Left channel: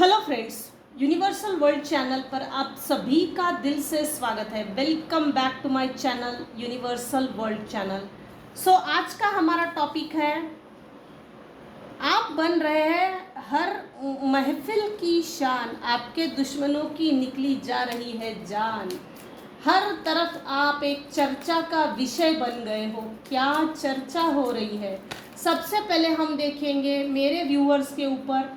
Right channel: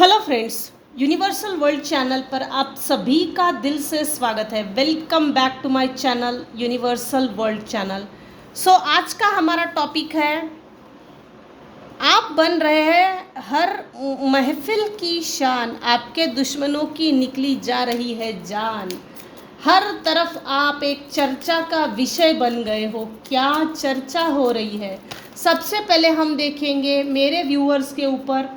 Hello friends, universal world channel पर आप सभी का दिल से स्वागत है। Welcome back to my channel universal world channel. आज का हमारा टॉपिक है, आप बन रहे हैं हर महफिल की शान, आपके दुश्मनों की निकली जा रही है जान। हर तरफ आप एक चर्चा का विषय बन गए हो। क्या चर्चा हो रही है? सबसे पहले हम देखेंगे मेरे व्यूअर्स के ऊपर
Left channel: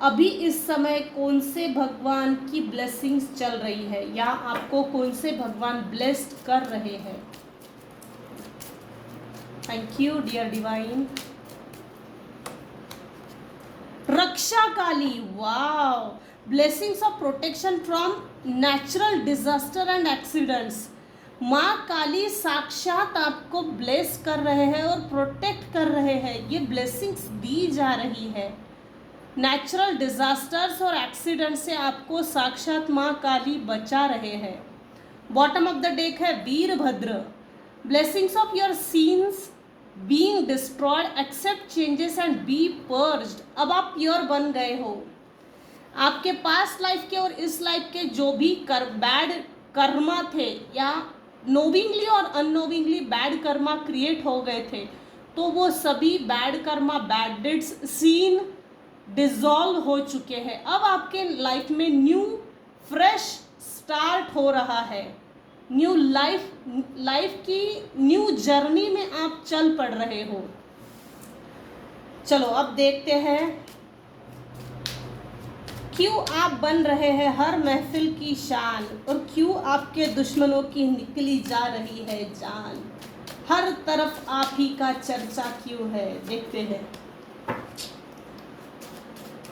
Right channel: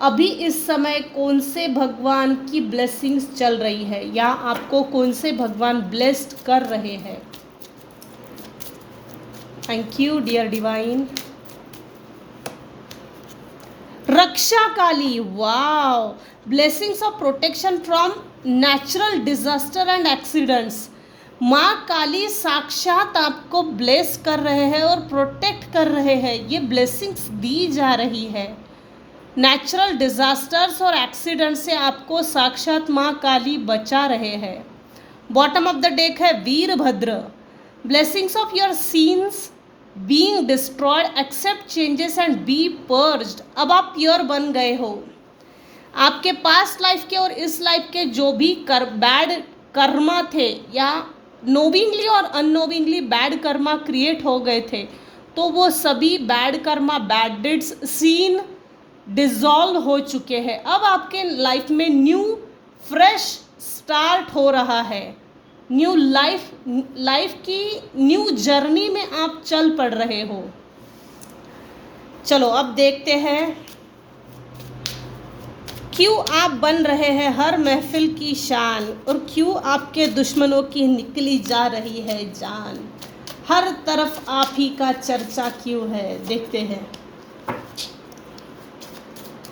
अभी इस समय कौन से भगवान की ब्लेसिंग्स चल रही है या आपको कौन से भगवान ब्लेस्ड कर रहे हैं। Thank you dear divine. रक्षा Kali, wow, blessings of protection from natural disaster and accidents. माँ काली साक्षात आपको ब्लेस कर रहे हैं और प्रोटेक्ट कर रहे हैं। ये ब्लेसिंग्स दी जा रही है। नेचुरल डिजास्टर्स और एक्सीडेंट से आपको साक्षात माँ काली बचा रहे हैं। बॉटम ऑफ द डेक है Veerabhadra. Blessings of your sins being destroyed, accept changes and be purged. अब आप प्योर बन गए हो। आपके पास्ट लाइफ के और इस लाइफ के जो भी बैड कर्मा थे या नोविंगली और अननोविंगली बैड कर्मा क्रिएट हो गए थे, तो वो सभी bad karma, bad deeds, seen dissolve हो चुके हैं। अब आपके लाइफ में न्यू फ्रेश स्टार्ट हो रहा है। न्यू लाइफ की न्यू जर्नी में आप चल पड़ रहे हो। चलो अब देखते हैं क्यों आप बन रहे हैं हर महफिल की शान और क्यों आपके दुश्मनों की निकली जा रही है जान। हर तरफ आप ही का चर्चा क्यों है, देखते हैं।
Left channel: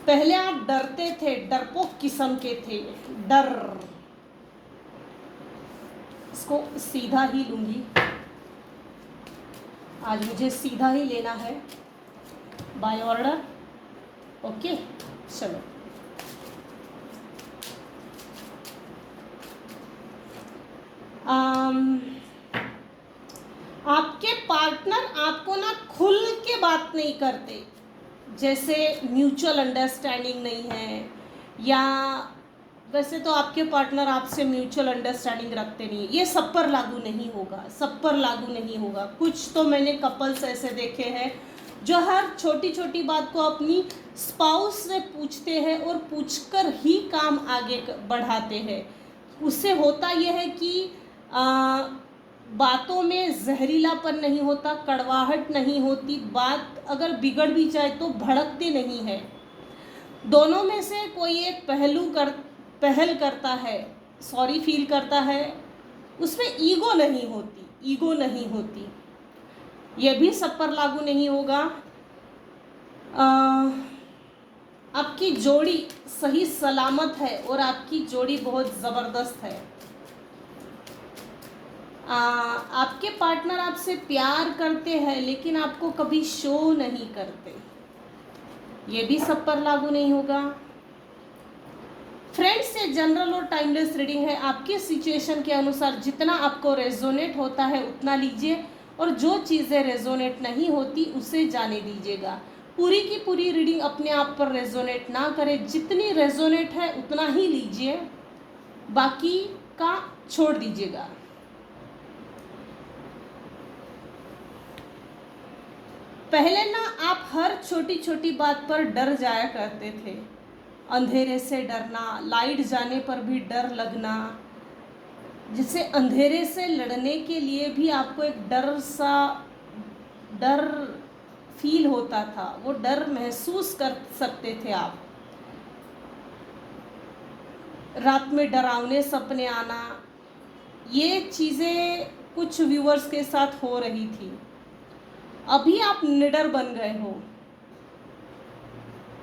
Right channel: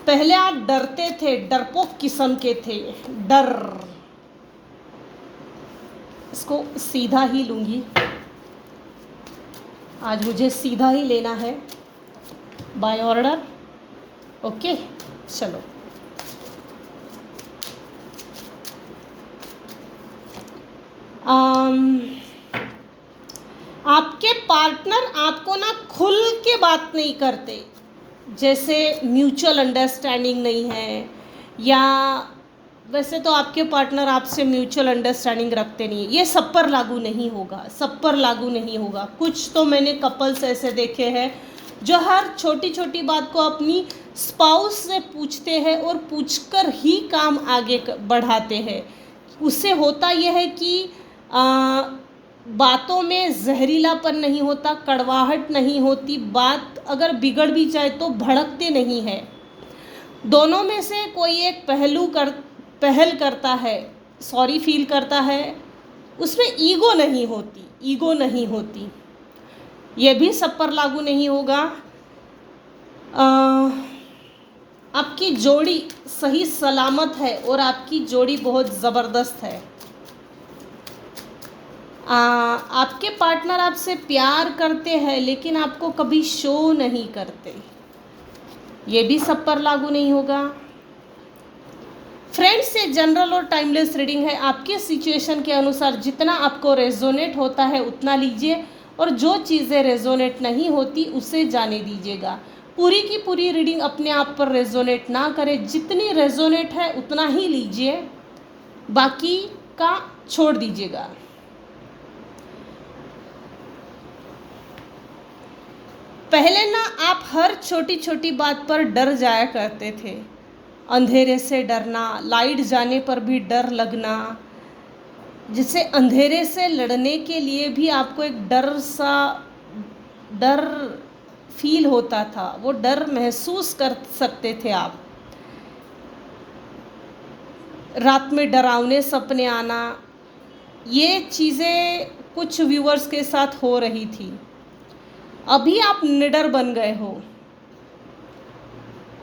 पहले आप डरते थे, डरपोक किस्म के थे। डर, इसको सीधा ही लूंगी, आज मुझे सीधा ही लेना है बाय ऑर्डर। ओके, चलो। आपके पार्टनर आपको ना खुल के बात नहीं करते, जैसे म्यूचुअल अंडरस्टैंडिंग नहीं है, या वैसे तो आपके पार्टनर आपसे म्यूचुअल अंडरस्टैंडिंग रखते नहीं है। ये सब पर लागू नहीं होगा, सब पर लागू नहीं होगा। कुछ तो मैंने कपल्स ऐसे देखे हैं जो हर छोटी छोटी बात को अपनी स्पाउस से पूछते हैं और पूछकर ही काम आगे बढ़ाते हैं। उससे होता यह है कि बातों में जहरीलापन नहीं होता, कड़वाहट नहीं होती, बात अगर बिगड़ भी जाए तो भड़कते नहीं है। दोनों में से कोई एक पहल करता है, सॉरी फील करता है, उसमें ईगो नहीं होती। ये भी सब पर लागू नहीं होगा। आपकी जोड़ी सही सलामत है और आपकी जोड़ी बहुत ज़बरदस्त है। आपके पार्टनर आपसे प्यार करते हैं लेकिन आपको कभी शो नहीं करते। ये भी सब पर लागू नहीं होगा। फ्रेंड्स, ये जनरल और टाइमलेस रीडिंग है। आपके सिचुएशन के अनुसार जितना आपको रेजोनेट होता है उतना लीजिए और जो चीज़ें रेजोनेट नहीं होती उसे जाने दीजिएगा। पूरी की पूरी रीडिंग अपने आप पर रेजोनेट ना करें, जितनी रेजोनेट है उतना ही लीजिए, बाकी का छोड़ दीजिएगा। पहले ना आप हर छोटी छोटी बात पर डर जाया करते थे। अंधेरे से डरना, लाइट जाने पर भी डर लगना, जिससे अंधेरे से लड़ने के लिए भी आपको एक डर फील होता था, वो डर महसूस कर सकते थे आप। रात में डरावने सपने आना, ये चीज़ें कुछ व्यूअर्स के साथ हो रही थी। अभी आप निडर बन गए हो।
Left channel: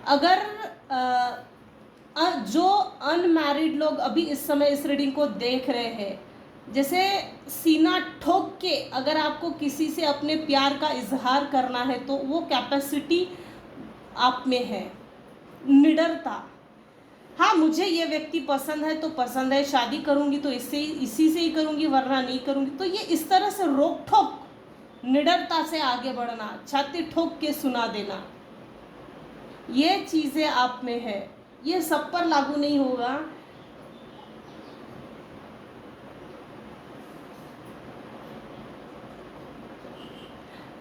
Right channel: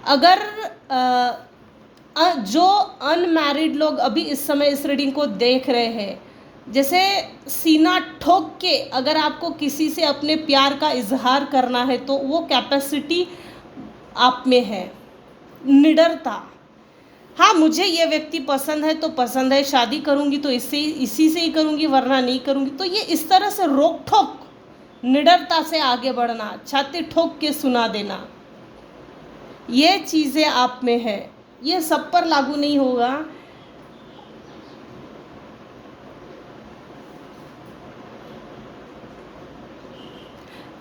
अगर जो अनमैरिड लोग अभी इस समय इस रीडिंग को देख रहे हैं, जैसे सीना ठोक के अगर आपको किसी से अपने प्यार का इजहार करना है तो वो कैपेसिटी आप में है, निडरता। हाँ, मुझे ये व्यक्ति पसंद है तो पसंद है, शादी करूँगी तो इसी से ही करूँगी वरना नहीं करूँगी। तो ये इस तरह से रोक ठोक, निडरता से आगे बढ़ना, छाती ठोक के सुना देना, ये चीज़ें आप में है। ये सब पर लागू नहीं होगा।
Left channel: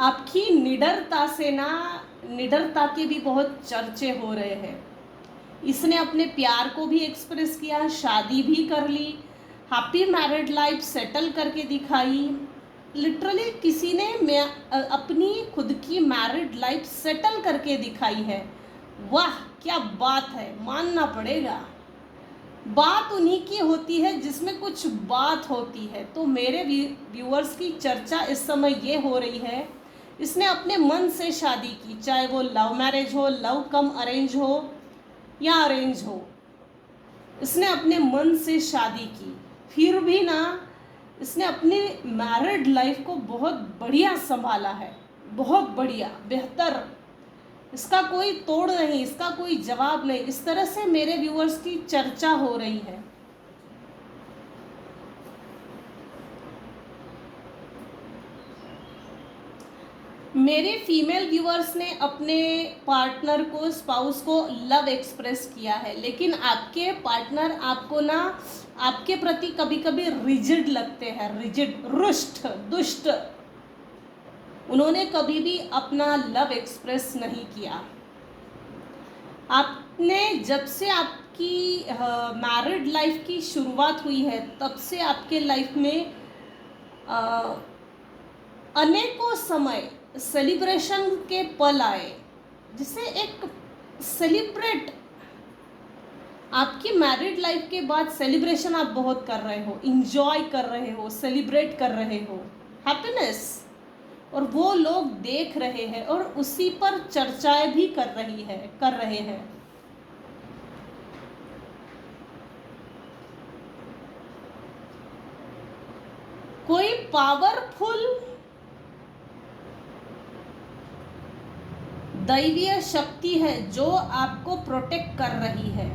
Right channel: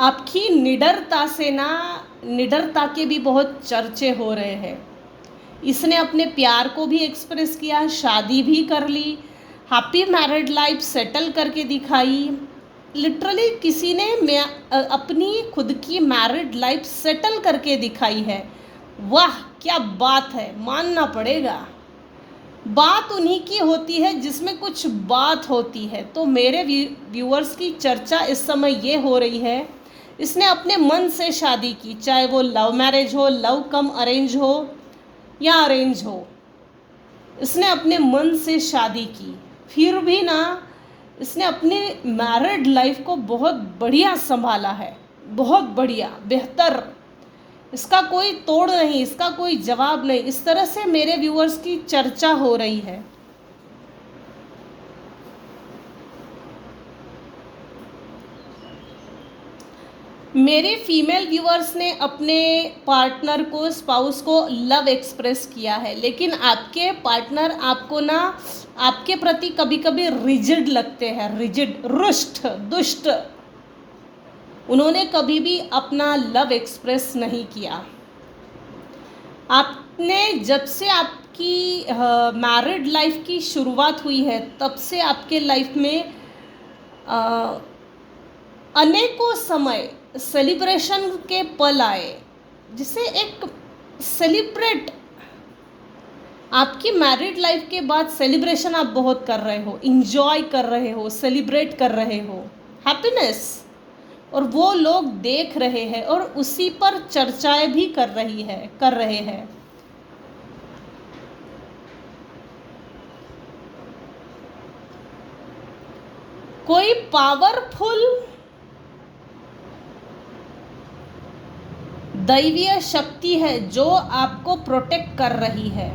आपकी निडरता से ना, निडरता के भी बहुत चर्चे हो रहे हैं। इसने अपने प्यार को भी एक्सप्रेस किया, शादी भी कर ली, हैप्पी मैरिड लाइफ सेटल करके दिखाई। लिटरली किसी ने अपनी खुद की मैरिड लाइफ सेटल करके दिखाई है। वाह क्या बात है, मानना पड़ेगा। बात उन्हीं की होती है जिसमें कुछ बात होती है। तो मेरे व्यूअर्स की चर्चा इस समय ये हो रही है, इसने अपने मन से शादी की, चाहे वो लव मैरिज हो, लव कम अरेंज हो या अरेंज हो, इसने अपने मन से शादी की। फिर भी ना इसने अपनी मैरिड लाइफ को बहुत बढ़िया संभाला है, बहुत बढ़िया, बेहतर। इसका कोई तोड़ नहीं, इसका कोई जवाब नहीं। इस तरह से मेरे व्यूअर्स की चर्चा हो रही है। मेरे फीमेल व्यूअर्स ने अपने पार्टनर को, स्पाउस को लव एक्सप्रेस किया है, लेकिन आपके पार्टनर आपको ना, आपके प्रति कभी कभी रिजिड लगते हैं, रिजिड, रुष्ट, दुष्ट। उन्होंने कभी भी अपना लव एक्सप्रेस नहीं किया। आपने जब से आपकी मैरिड लाइफ की शुरुआत हुई है, तब से आपके लाइफ में अनेकों समय सेलिब्रेशन के पल आए, जिसे एक सेलिब्रेट, आपकी मैरिड लाइफ के बाद सेलिब्रेशन आप बहुत कर रहे हो, इंजॉय कर रहे हो, सेलिब्रेट कर रहे हो हैप्पीनेस, और वो लोग देख रहे हैं और उसी पर चर्चाएं भी कर रहे हैं। कोई पावरफुल दैवीय शक्ति है जो आपको प्रोटेक्ट कर रही है।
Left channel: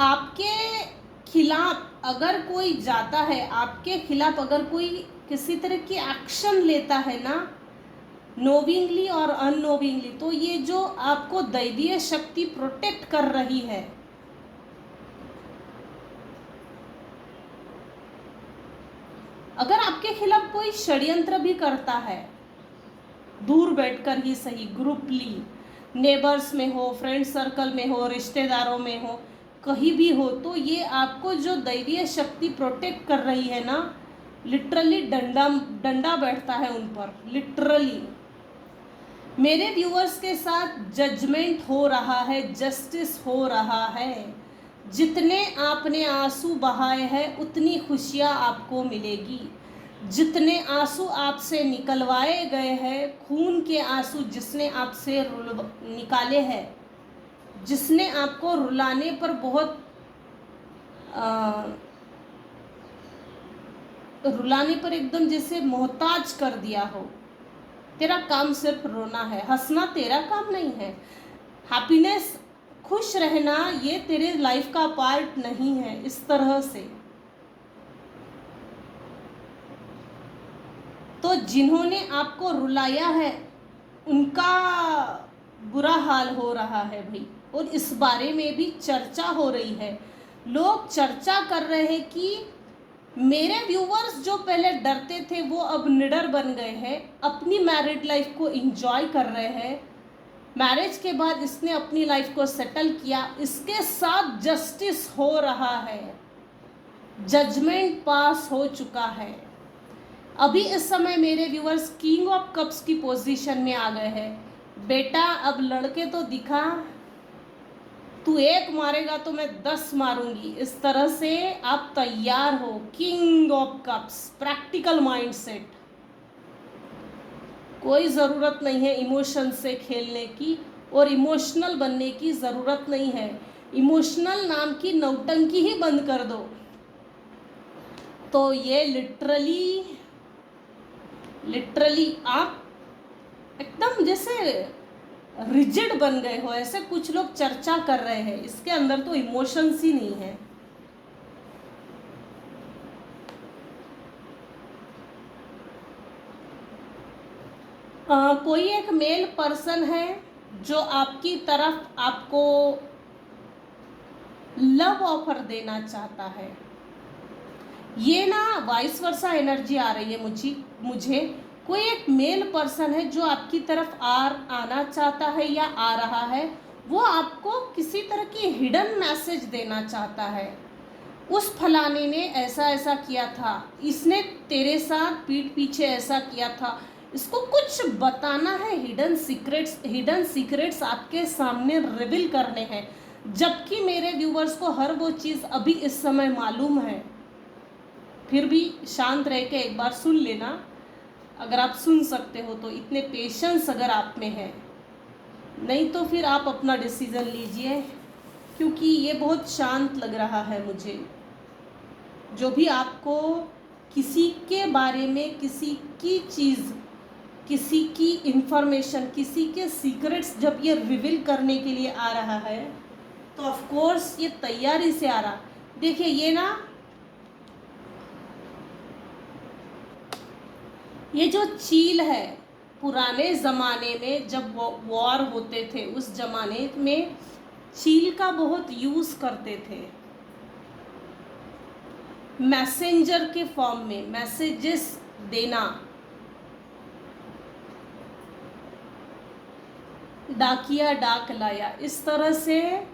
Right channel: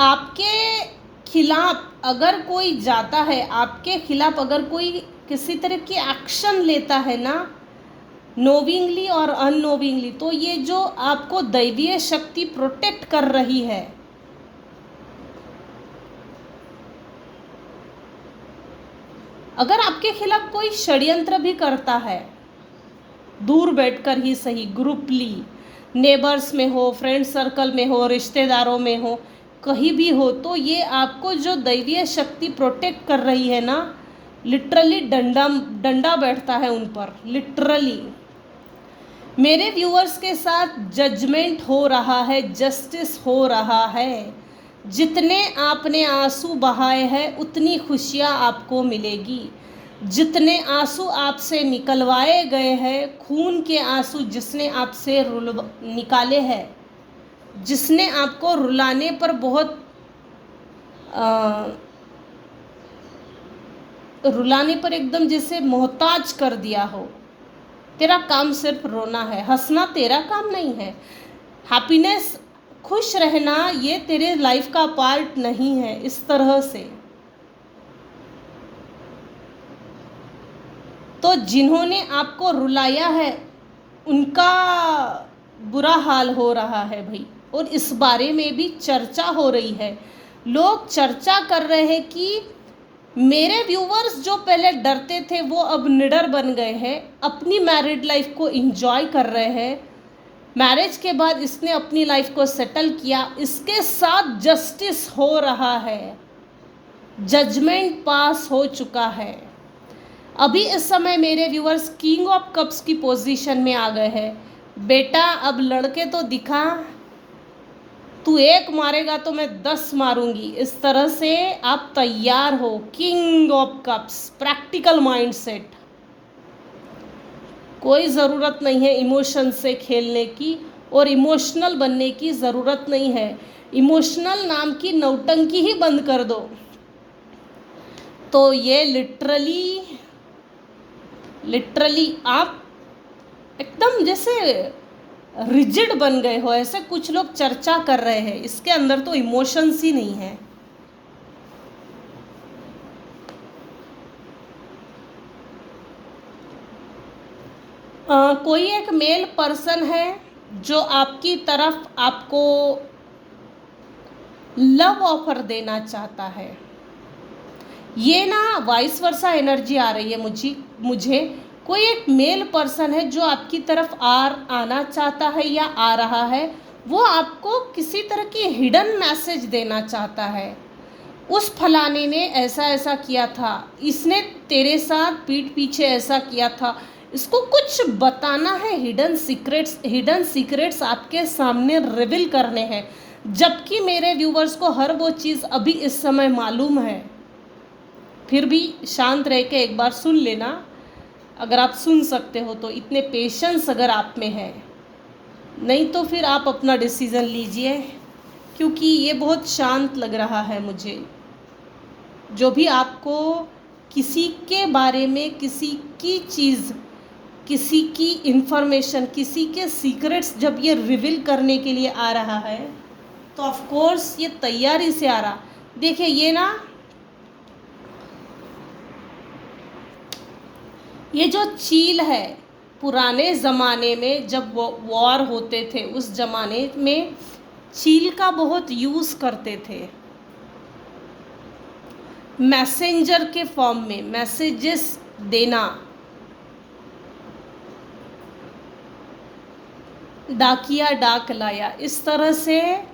आपके खिलाफ अगर कोई जाता है, आपके खिलाफ अगर कोई किसी तरह की एक्शन लेता है ना, नोविंगली और अननोविंगली, तो ये जो आपको दैवीय शक्ति प्रोटेक्ट कर रही है। अगर आपके खिलाफ कोई षड्यंत्र भी करता है, दूर बैठकर ही सही, ग्रुपली, नेबर्स में हो, फ्रेंड सर्कल में हो, रिश्तेदारों में हो, कहीं भी हो, तो ये आपको जो दैवीय शक्ति प्रोटेक्ट कर रही है ना, लिटरली डंडा बैठता है उन पर, लिटरली। मेरे व्यूअर्स के साथ जजमेंट हो रहा है, जस्टिस हो रहा है। जितने आपने आंसू बहाए हैं उतनी खुशियाँ आपको मिलेगी। जितने आंसू आपसे निकलवाए गए हैं, खून के आंसू जिसने आपसे निकाले हैं, जिसने आपको रुलाने पर बहुत रुलाने पर एकदम जैसे मोहताज कर दिया हो, तेरा काम सिर्फ रोना है, हंसना तेरा काम नहीं है, हैप्पीनेस, खुश रहना ये तेरे लाइफ का पार्ट नहीं है, इस तरह से। तो जिन्होंने आपको रुलाया है उनका बुरा हाल हो रहा है भाई, और इस बारे में भी चर्चा हो रही है। लोग चर्चा कर रहे हैं कि मेरे व्यूवर्स जो पहले डरते थे वो अब निडर बन गए हैं, अपनी मैरिड लाइफ को एंजॉय कर रहे हैं। मैरिज के बाद इसने अपनी लाइफ को सेटल किया, इसके साथ जस्टिस हो रहा है, जजमेंट पास हो चुका है। अभी इस समय मेरे व्यूअर्स किंग ऑफ कप्स की पोजीशन में आ गए हैं। बेटा अब लड़के तो दिखा, तू एक मारेगा तो मैं 10 मारूंगी, इस तरह से आप तैयार हो। King of cups, practical mindset. कोई ज़रूरत नहीं है इमोशन से खेलने की और इमोशनल बनने की ज़रूरत नहीं है। इमोशनल नाम की नौटंकी ही बंद कर दो। तो ये लिटरली आप एकदम जैसे रिजिड बन गए हो, ऐसे कुछ लोग चर्चा कर रहे हैं। इसके अंदर तो इमोशंस ही नहीं है। कोई एक मेल पर्सन है जो आपकी तरफ आपको लव ऑफर देना चाहता है। ये ना वाइस वर्सा एनर्जी आ रही है मुझे कोई एक मेल पर्सन है जो आपकी तरफ आना चाहता है या आ रहा है। वो आपको किसी तरह की हिडन मैसेज देना चाहता है। उस फलाने ने ऐसा ऐसा किया था, इसने तेरे साथ पीठ पीछे ऐसा किया था, इसको कुछ बताना है। हिडन सीक्रेट्स आपके सामने रिवील करने हैं। जबकि मेरे व्यूवर्स को हर वो चीज़ अभी इस समय मालूम है, फिर भी शांत रह के एक बार सुन लेना। अगर आप सुन सकते हो तो, इतने पेशेंस अगर आप में है, नहीं तो फिर आप अपना डिसीज़न लीजिए, क्योंकि ये बहुत शांत लग रहा है मुझे। जो भी आपको किसी के बारे में, किसी की चीज़, किसी की इंफॉर्मेशन, किसी के सीक्रेट्स जब ये रिवील करने के लिए आ रहा है, तो ऑफ कोर्स ये तैयारी से आ रहा। देखिए ये जो चील है, पुराने ज़माने में जब वॉर होते थे, उस ज़माने में चील का बहुत यूज़ करते थे। मैसेंजर के फॉर्म में मैसेजेस देना, डाकिया डाक लाया, इस तरह से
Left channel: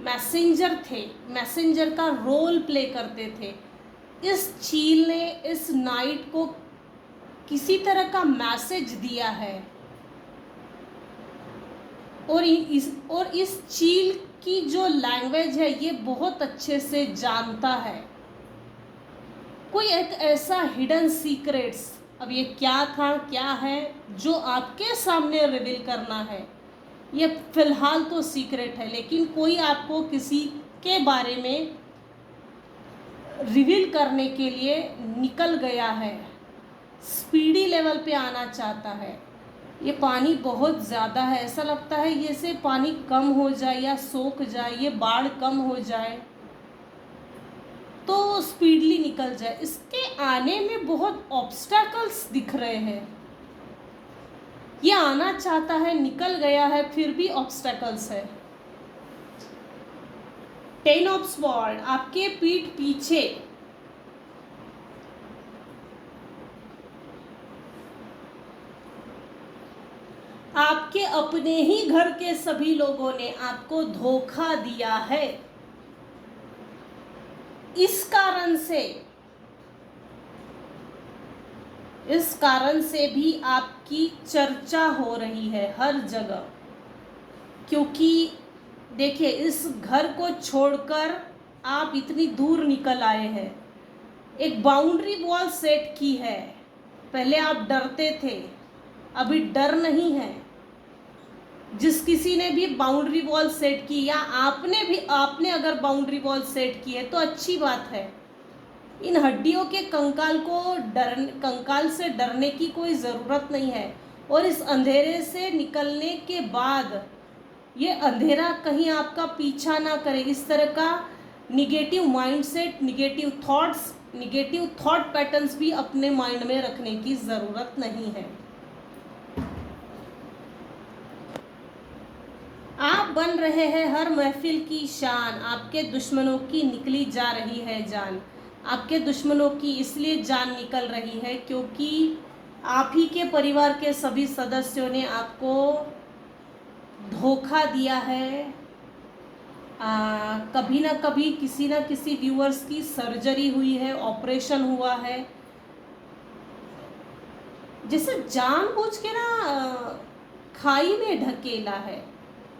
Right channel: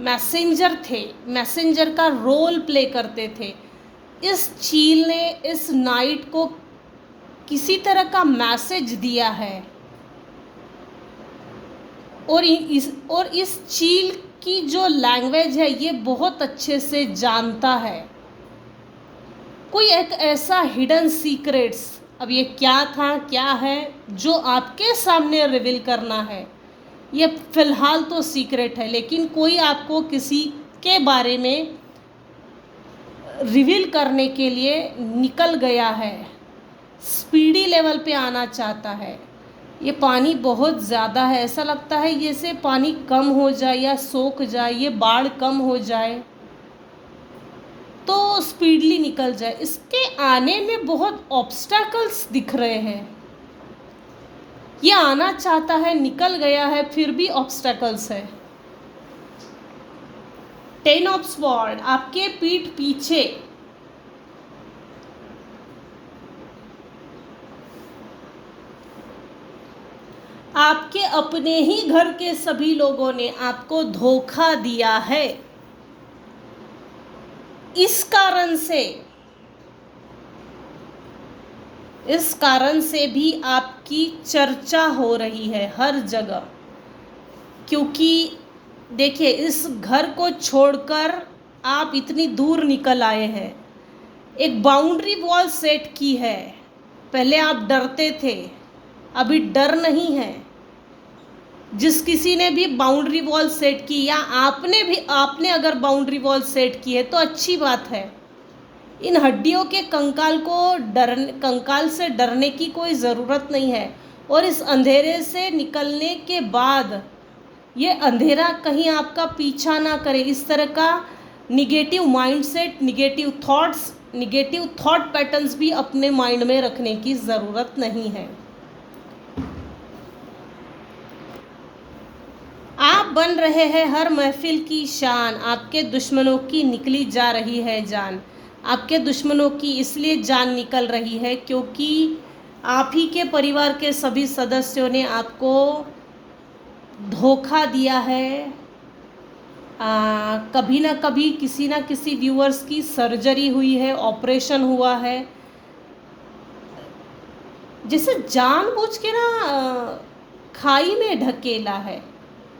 मैसेंजर थे, मैसेंजर का रोल प्ले करते थे। इस चील ने इस नाइट को किसी तरह का मैसेज दिया है, और इस चील की जो लैंग्वेज है ये बहुत अच्छे से जानता है। कोई एक ऐसा हिडन सीक्रेट्स, अब ये क्या था क्या है जो आपके सामने रिवील करना है, ये फिलहाल तो सीक्रेट है, लेकिन कोई आपको किसी के बारे में रिवील करने के लिए निकल गया है, स्पीडी लेवल पे आना चाहता है। ये पानी बहुत ज़्यादा है, ऐसा लगता है ये से पानी कम हो जाए या सोख जाए, ये बाढ़ कम हो जाए तो स्पीडली निकल जाए। इसके आने में बहुत ऑब्स्टैकल्स दिख रहे हैं। ये आना चाहता है, निकल गया है, फिर भी ऑब्स्टैकल्स है। 10 ऑफ स्वॉर्ड आपके पीठ पीछे, आपके अपने ही घर के सभी लोगों ने आपको धोखा दिया है। इस कारण से भी आपकी चर्चा हो रही है हर जगह, क्योंकि देखिए इस घर को छोड़कर आप इतनी दूर निकल आए हैं, एक बाउंड्री वॉल सेट की है। पहले आप डरते थे, अभी डर नहीं है। जिस किसी ने भी बाउंड्री वॉल सेट की, या आपने अगर बाउंड्री वॉल सेट की है तो अच्छी बात है। इन हड्डियों के कंकाल से डरने की कोई ज़रूरत नहीं है। और इस अंधेरे से निकलने के बाद ये अंधेरा कहीं आपका पीछा ना करे। इस तरह का negative mindset, negative thought patterns भी अपने माइंड में रखने की ज़रूरत नहीं है। आप बन रहे हैं हर महफिल की शान, आपके दुश्मनों की निकली जा रही है जान। आपके दुश्मनों की इसलिए जान निकल रही है क्योंकि आप ही के परिवार के सभी सदस्यों ने आपको धोखा दिया है। कभी ना कभी किसी ना किसी व्यूअर्स की सर्जरी हुई है, ऑपरेशन हुआ है, जिसे जानबूझ के ना खाई में ढकेला है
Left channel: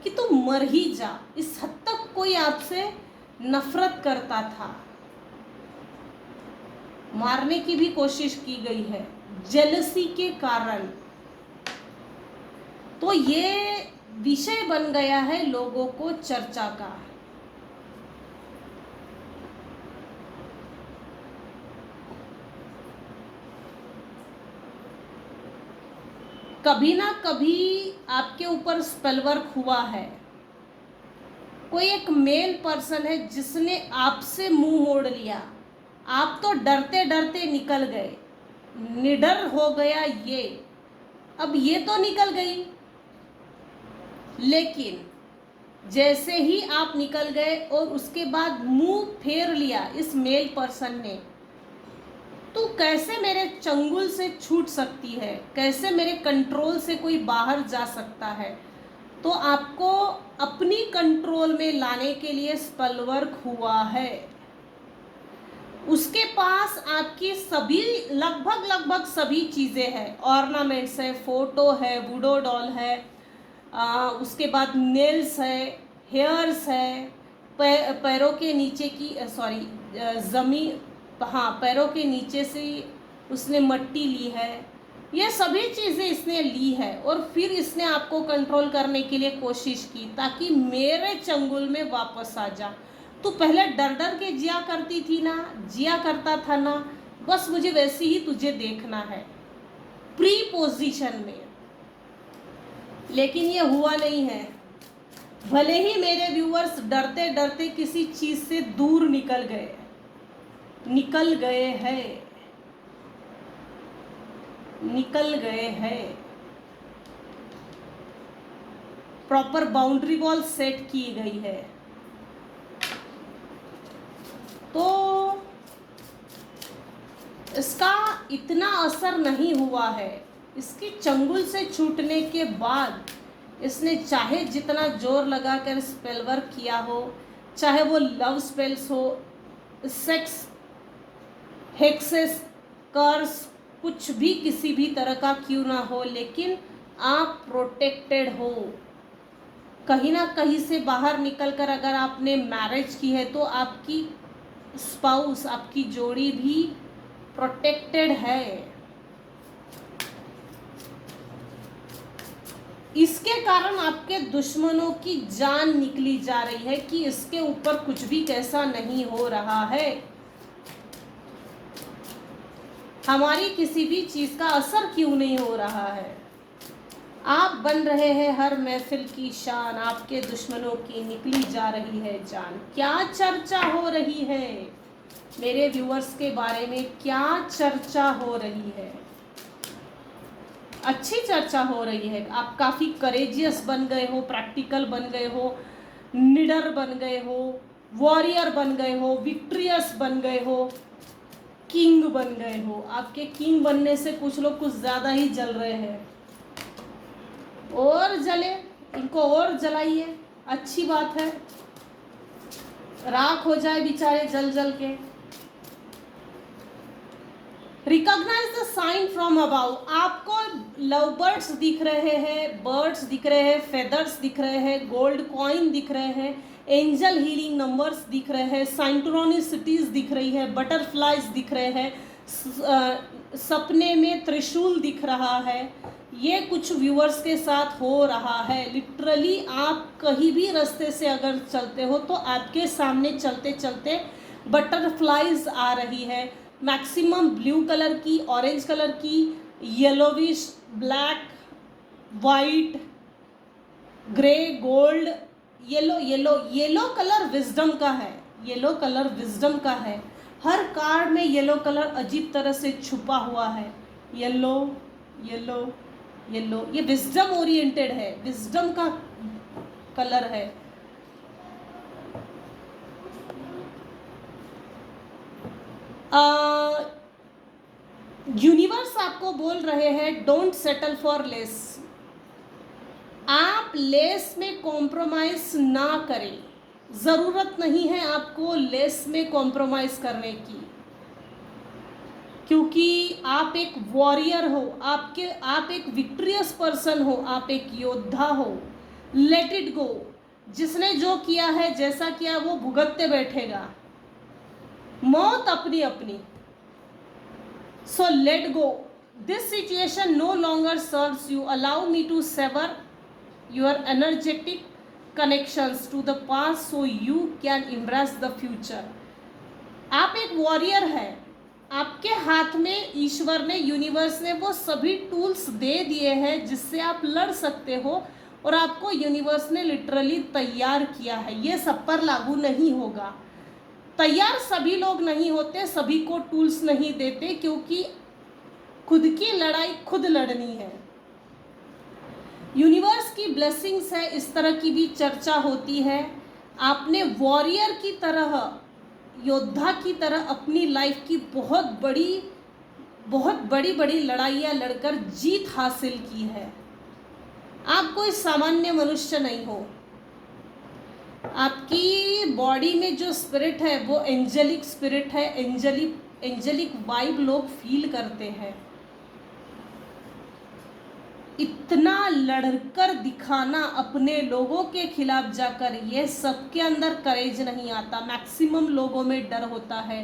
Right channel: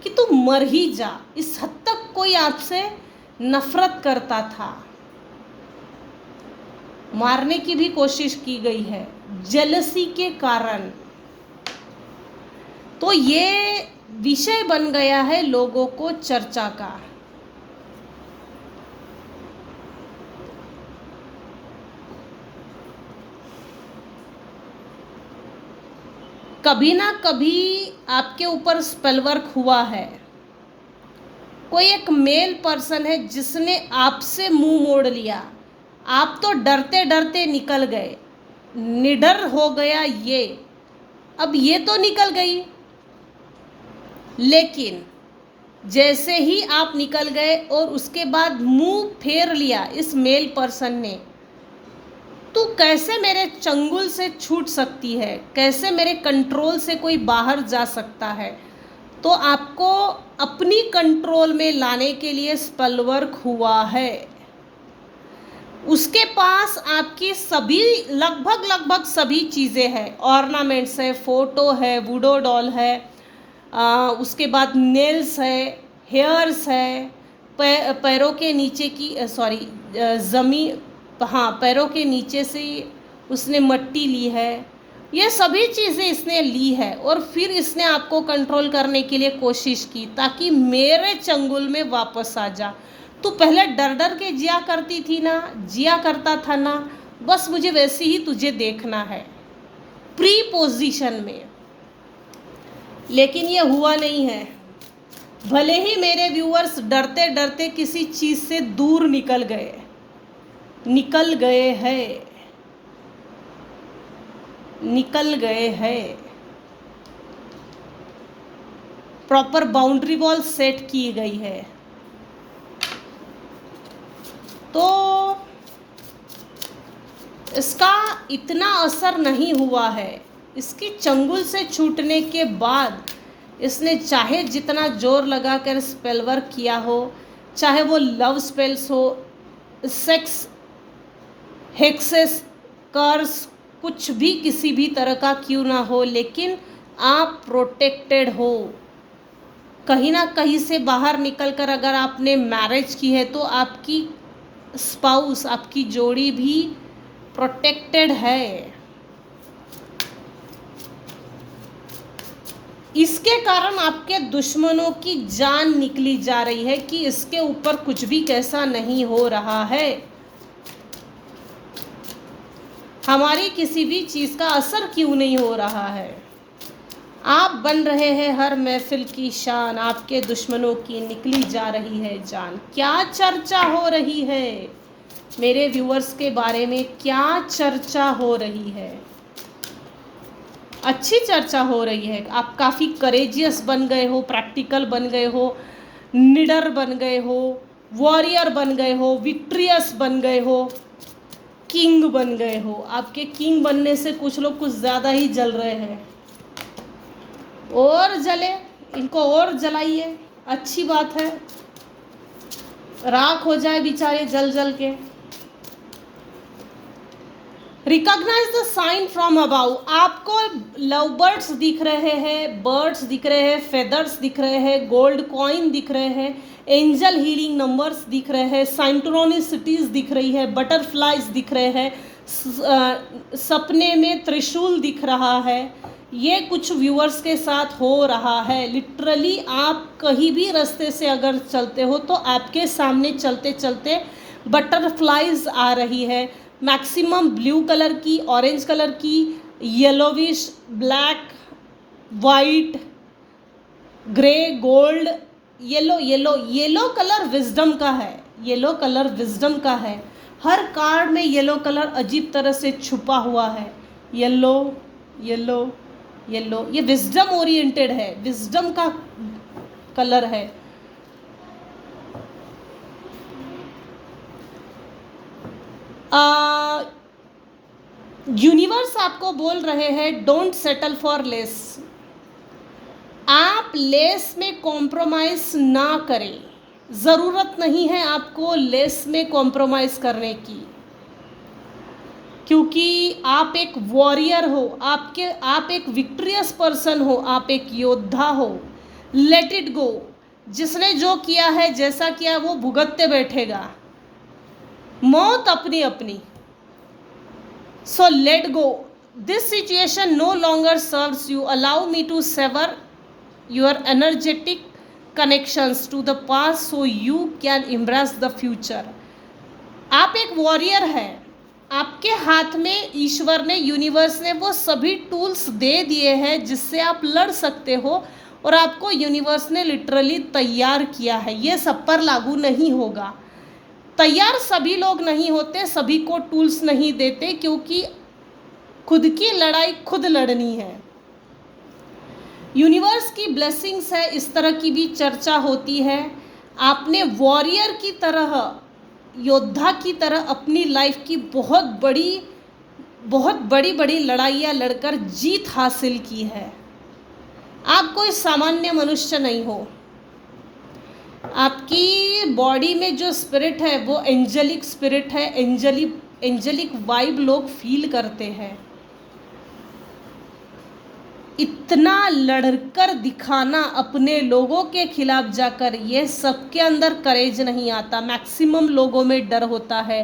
कि तू मर ही जा। इस हद तक कोई आपसे नफरत करता था, मारने की भी कोशिश की गई है जेलसी के कारण। तो ये विषय बन गया है लोगों को चर्चा का। कभी ना कभी आपके ऊपर स्पेल वर्क हुआ है। कोई एक मेल पर्सन है जिसने आपसे मुंह मोड़ लिया। आप तो डरते डरते निकल गए, निडर हो गया ये। अब ये तो निकल गई, लेकिन जैसे ही आप निकल गए और उसके बाद मुंह फेर लिया इस मेल पर्सन ने, तो कैसे मेरे चंगुल से छूट सकती है, कैसे मेरे कंट्रोल से कोई बाहर जा सकता है। तो आपको अपनी कंट्रोल में लाने के लिए स्पेल वर्क हुआ है। उसके पास आपकी सभी लगभग सभी चीज़ें हैं, ऑर्नामेंट्स है, फोटो है, वुडो डॉल है, उसके बाद नेल्स है, हेयर्स है, पैरों के नीचे की सॉरी ज़मीन, हाँ पैरों के नीचे से उसने मट्टी ली है। ये सभी चीज़ें इसने ली है और फिर इसने आपको कंट्रोल करने के लिए कोशिश की ताकि मेरे चंगुल में वापस आ जा। तो पहले डर डर के जिया करती थी ना, जिया करता था ना, बस मुझे वैसे ही तुझे देखना है, प्री पोजीशन में। लेकिन ये हुआ नहीं है। भले ही मेरे व्यूअर्स डरते डरते किसी चीज़ से दूर निकल गए हैं, प्रॉपर बाउंड्री वॉल सेट की गई है। तो इसका इतना असर नहीं हुआ है। इसकी चंगुल से छूटने के बाद इसने चाहे जितना जोर लगाकर स्पेल वर्क किया हो, चाहे वो लव स्पेल्स हो, सेक्स, हेक्सेस, कर्स, कुछ भी किसी भी तरह का क्यों ना हो, लेकिन आप प्रोटेक्टेड हो। कहीं ना कहीं से बाहर निकलकर अगर आपने मैरिज की है तो आपकी स्पाउस, आपकी जोड़ी भी प्रोटेक्टेड है। इसके कारण आपके दुश्मनों की जान निकली जा रही है कि इसके ऊपर कुछ भी कैसा नहीं हो रहा है, हमारी किसी भी चीज का असर क्यों नहीं हो रहा है। आप बन रहे हैं हर महफिल की शान, आपके दुश्मनों की निकली जा रही है जान। क्या चर्चा हो रही है मेरे व्यूअर्स के बारे में, क्या चर्चा हो रही है? अच्छी चर्चा हो रही है। आप काफ़ी करेजियस बन गए हो, प्रैक्टिकल बन गए हो, निडर बन गए हो, वॉरियर बन गए हो, विक्ट्रियस बन गए हो, किंग बन गए हो। आपके किंग बनने से कुछ लोग कुछ ज़्यादा ही जल रहे हैं। और जले, इनको और जलाइए, अच्छी बात है, राख हो जाए बेचारे जल जल के। Recognize the sign from above. आपको लव बर्ड्स दिख रहे हैं, बर्ड्स दिख रहे हैं, फेदर्स दिख रहे हैं, गोल्ड कॉइन दिख रहे हैं, एंजल हीलिंग नंबर्स दिख रहे हैं, साइंक्रोनिसिटीज दिख रही है, बटरफ्लाइज दिख रहे हैं, सपने में त्रिशूल दिख रहा है। ये कुछ व्यूअर्स के साथ हो रहा है। लिटरली आप कहीं भी रास्ते से अगर चलते हो तो आपके सामने चलते चलते बटरफ्लाइज आ रही है। मैक्सिमम ब्लू कलर की, ऑरेंज कलर की, yellowish, black, white, grey, gold, yellow colour wisdom का है, येलो कलर विजडम का है। हर कार्ड में येलो कलर अजीब तरह से छुपा हुआ है। येलो येलो येलो, ये विजडम ओरिएंटेड है, विजडम का कलर है। यूनिवर्स आपको बोल रहे हैं डोंट सेटल फॉर लेस। आप लेस में कॉम्प्रोमाइज ना करें, ज़रूरत नहीं है आपको लेस में कॉम्प्रोमाइज करने की, क्योंकि आप एक वॉरियर हो, आप एक विक्ट्रियस पर्सन हो, आप एक योद्धा हो। Let it go. जिसने जो किया है, जैसा किया, वो भुगतते बैठेगा, मौत अपनी अपनी। So let go. This situation no longer serves you. Allow me to sever your energetic connections to the past so you can embrace the future. आप एक वॉरियर हैं। आपके हाथ में ईश्वर ने, यूनिवर्स ने वो सभी टूल्स दे दिए हैं जिससे आप लड़ सकते हो, और आपको यूनिवर्स ने लिटरली तैयार किया है। ये सब पर लागू नहीं होगा। तैयार सभी लोग नहीं होते, सभी को टूल्स नहीं देते, क्योंकि खुद की लड़ाई खुद लड़नी है। यूनिवर्स की ब्लेसिंग्स है, इस तरह की भी चर्चा होती है। आपने वॉरियर की तरह, योद्धा की तरह अपनी लाइफ की बहुत बड़ी बड़ी लड़ाइयाँ लड़कर जीत हासिल की है। आप कोई सामान्य मनुष्य नहीं हो। आपकी बॉडी में जो स्पिरिट है वो एंजेलिक स्पिरिट है, एंजेलिक वाइब लोग फील करते हैं। इतना लड़कर दिखाना अपने लोगों के खिलाफ जाकर, ये सबके अंदर करेज नहीं आता। मैक्सिमम लोगों में डर होता है,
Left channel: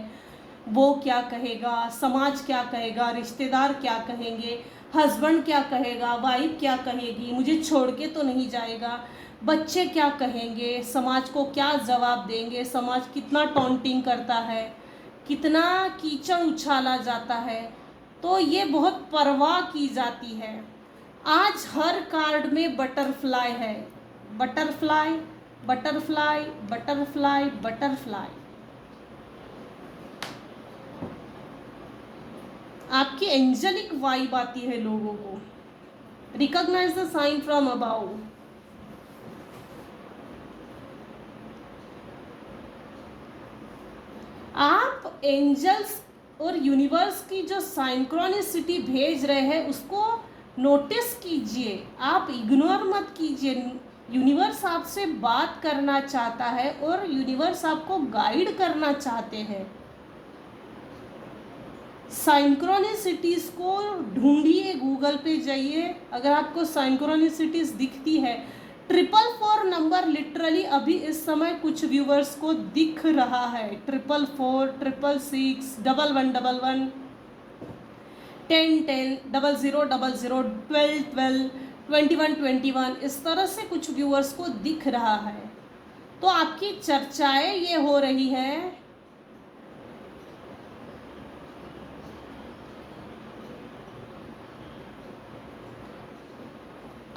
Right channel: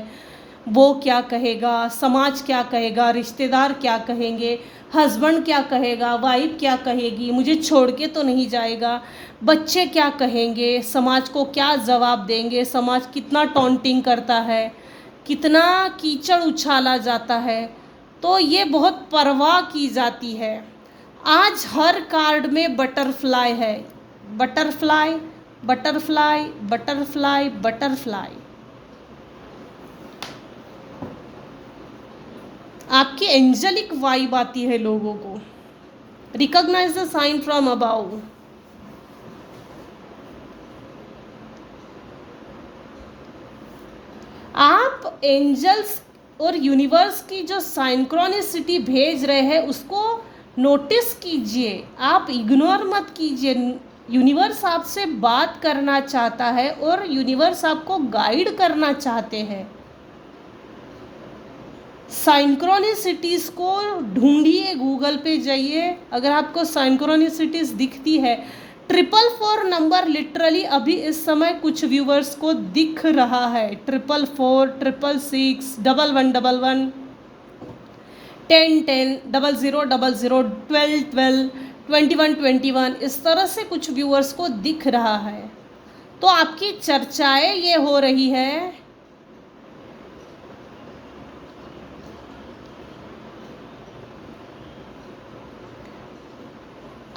वो क्या कहेगा, समाज क्या कहेगा, रिश्तेदार क्या कहेंगे, हस्बैंड क्या कहेगा, वाइफ क्या कहेगी, मुझे छोड़ के तो नहीं जाएगा, बच्चे क्या कहेंगे, समाज को क्या जवाब देंगे, समाज कितना टॉन्टिंग करता है, कितना कीचड़ उछाला जाता है। तो ये बहुत परवाह की जाती है। आज हर कार्ड में बटरफ्लाई है, बटरफ्लाई बटरफ्लाई बटरफ्लाई बटरफ्लाई। आपकी एंजेलिक वाइब आती है लोगों को। Recognize the sign from above. आप एंजल्स और यूनिवर्स की जो साइंक्रोनिसिटी भेज रहे हैं उसको नोटिस कीजिए, आप इग्नोर मत कीजिए। यूनिवर्स आपसे बात करना चाहता है और यूनिवर्स आपको गाइड करना चाहते हैं। साइंक्रोनिसिटीज़ को ढूंढिए, गूगल पे जाइए, अगर आपको साइंक्रोनिसिटीज़ दिखती है। 444 नंबर लिटरली अभी इस समय कुछ व्यूवर्स को दिख रहा है। 444, 666, 1111, 10 10, 00 00, 12 12, 21 21, इस तरह से कुछ व्यूवर्स को दिख रहा है। तो आपकी चर्चाएं ये हो रही है।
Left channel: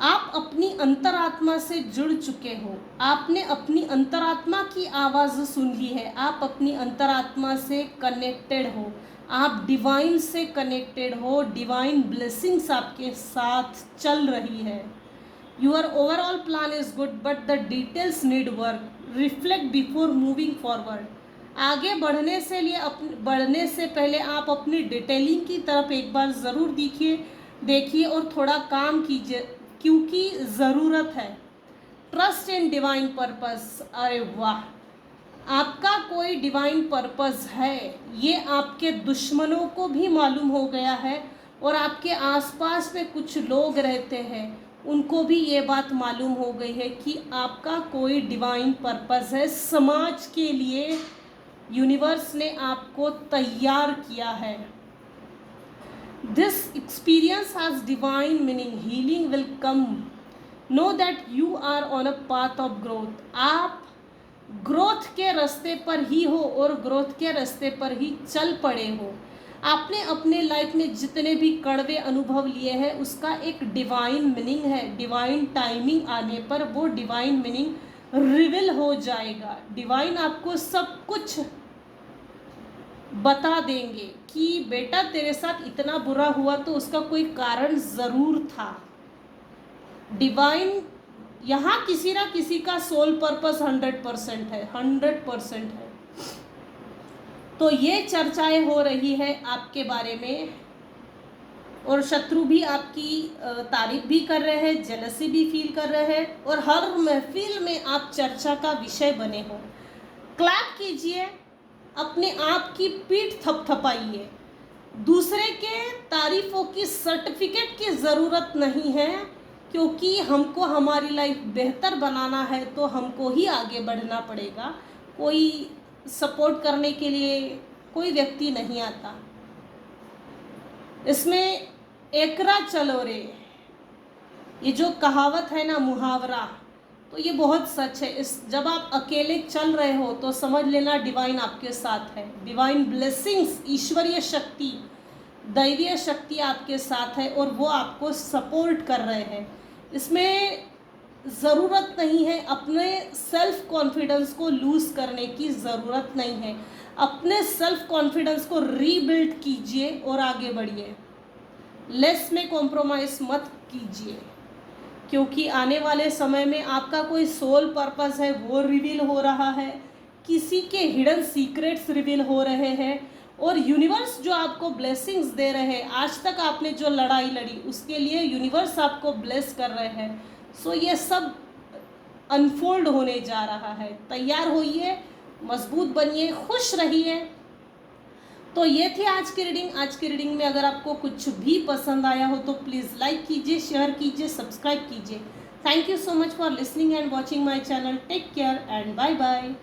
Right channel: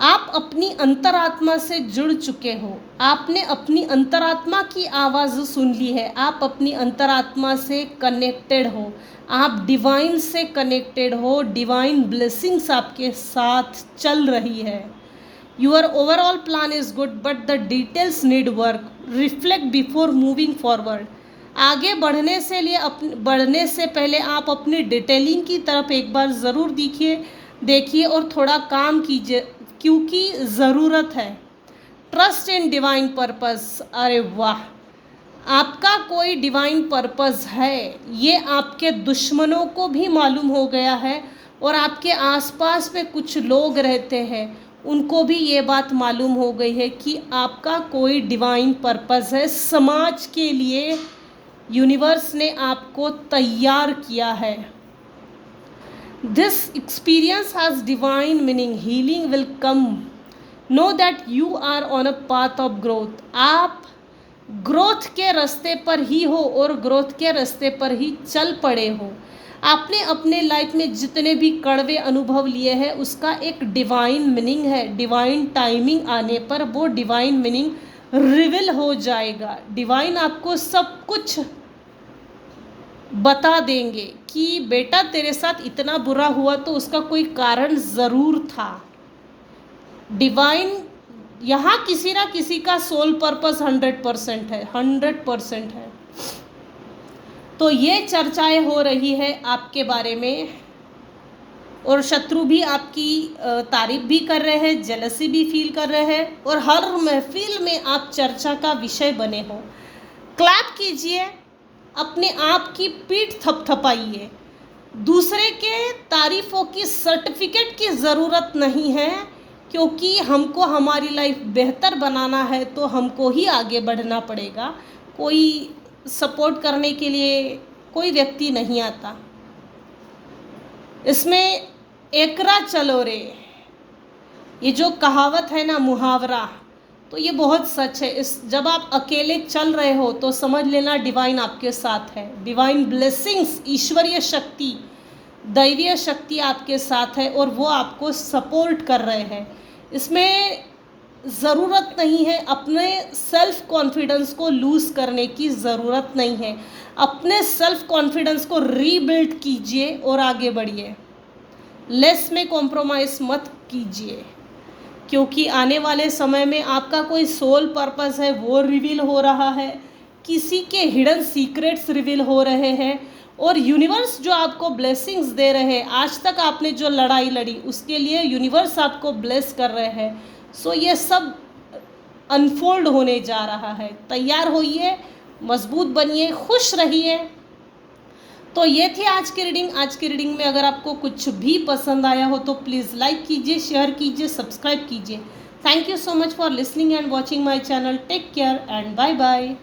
आप अपनी अंतरात्मा से जुड़ चुके हो, आपने अपनी अंतरात्मा की आवाज़ सुन ली है, आप अपनी अंतरात्मा से कनेक्टेड हो, आप डिवाइन से कनेक्टेड हो, डिवाइन ब्लेसिंग्स आपके साथ चल रही है। Your overall plan is good but the details need work, reflect before moving forward. आगे बढ़ने से पहले आप अपनी डिटेलिंग की तरफ एक बार ज़रूर देखिए और थोड़ा काम कीजिए, क्योंकि ज़रूरत है। Trust in divine purpose. अरे वाह, आपका कोई डिवाइन पर्पस है, ये आपके दुश्मनों को भी मालूम हो गया है और आपके आसपास में कुछ लोग रहते हैं उनको भी ये बात मालूम हो गई है कि आपका कोई डिवाइन पर्पस है। समाज के लिए यूनिवर्स ने आपको तैयार किया है। This experience has divine meaning. Healing will come. Know that you are on a path of growth. आप ग्रोथ के रास्ते पर ही हो और ग्रोथ के रास्ते पर ही चल पड़े हो। आपने अपने लाइफ में जितने भी कड़वे अनुभव लिए हैं उसका एक डिवाइन मीनिंग है। डिवाइन टाइमिंग आने पर वो डिवाइन मीनिंग रिवील हो जाएगा। डिवाइन आपको सब कुछ बता देंगे कि बेटा तेरे साथ इतना बुरा हुआ तो उसका कोई कारण ज़रूर था। डिवाइन यहाँ किसी ना किसी का सोल पर्पस 100% है, 100% है। तो ये चर्चाएं हो रही है आपके बारे में और शत्रु भी आपकी तारीफ भी कर रहे हैं, जेलसी भी फील कर रहे हैं और हर महफिल में आप चर्चा का विषय बने हो। क्लैप कीजिए, अपने आप की पीठ थपथपाइए। दूसरे के तारीफ़ों की सर्टिफिकेट की ज़रूरत नहीं है, क्योंकि हमको हमारी लाइफ बेहतर बनाना है तो हमको ही आगे बढ़ना पड़ेगा। कोई सपोर्ट करने के लिए कोई व्यक्ति नहीं आता। इसमें एकरा चलो रे, ये जो कहावत है ना, मुहावरा, तो ये बहुत सच है। जब आप अकेले चल रहे हो तो समझ लेना डिवाइन आपके साथ है। डिवाइन ब्लेसिंग्स, ईश्वरीय शक्ति, दैवीय शक्ति आपके साथ है और वो आपको सपोर्ट कर रहे हैं। इसमें ज़रूरत नहीं है, अपने सेल्फ कॉन्फिडेंस को लूज़ करने की ज़रूरत नहीं है। अपने सेल्फ कॉन्फिडेंस को रीबिल्ड कीजिए और आगे बढ़िए। लेस में कॉम्प्रोमाइज़ मत कीजिए, क्योंकि आने वाले समय में आपका कोई सोल पर्पस है वो रिवील हो रहा है, किसी के हिडन सीक्रेट्स रिवील हो रहे हैं, और यूनिवर्स जो आपको ब्लेसिंग्स दे रहे हैं, आज तक आपने जो लड़ाई लड़ी उसके लिए यूनिवर्स आपको ब्लेस कर रहे हैं। सो ये सब अनफोल्ड होने जा रहा है। तैयार होइए, मजबूत बनिए, खुश रहिए। तो ये थी आज की रीडिंग। आज की रीडिंग में अगर आपको कुछ भी पसंद आया हो तो प्लीज़ लाइक कीजिए, शेयर कीजिए, सब्सक्राइब कीजिए। Thank you so much for listening and watching my channel. Take care and bye bye.